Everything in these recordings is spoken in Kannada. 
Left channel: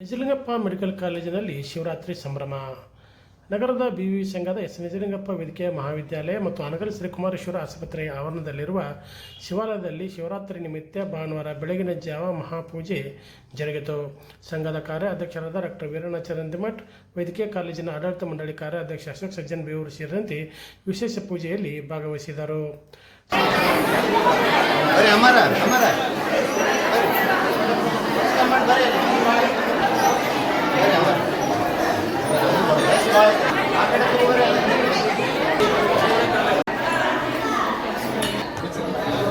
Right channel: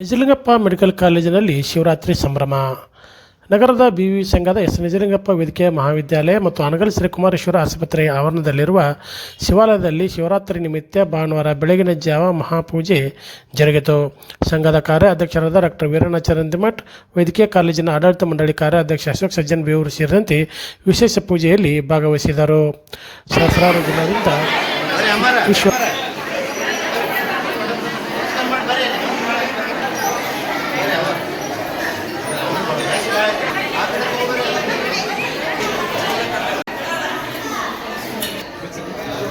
ನಿಜಲಿಂಗಪ್ಪ ಮೆಡಿಕಲ್ ಕಾಲೇಜಿನಲ್ಲಿ ಶಿವರಾತ್ರಿ ಸಂಭ್ರಮ. ನಗರದ ಬಿ ವಿ ಸಂಘದ ಎಸ್. ನಿಜಲಿಂಗಪ್ಪ ವೇದಿಕೆಯ ಮಹಾವಿದ್ಯಾಲಯ ಮತ್ತು ಅನಗಲ್ ಶ್ರೀಕುಮಾರೇಶ್ವರ ಆಸ್ಪತ್ರೆಯ ಆವರಣದಲ್ಲಿರುವ ಶಿವಾಲಯದಲ್ಲಿ ಶಿವರಾತ್ರಿ ನಿಮಿತ್ತ ಭಾನುವಾರ ಬೆಳಗಿನ ಜಾವ ಮಹಾಪೂಜೆ ಜರುಗಿತು. ಸಂಘದ ಕಾರ್ಯಾಧ್ಯಕ್ಷರಾದ ಡಾಕ್ಟರ್ ವೀರಣ್ಣಚರಂದಿಮಠ್ ವೈದ್ಯಕೀಯ ಕಾಲೇಜಿನ ಆಡಳಿತ ಮಂಡಳಿ ಕಾರ್ಯಾಧ್ಯಕ್ಷ ಅಶೋಕ್ ಸಜ್ಜನ್ ಬೇವೂರು ಸೇರಿದಂತೆ ವಿಶೇಷ ಪೂಜೆಯಲ್ಲಿ ಭಾಗವಹಿಸಿದರು.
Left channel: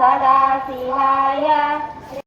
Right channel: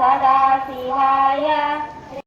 सदाशिवाय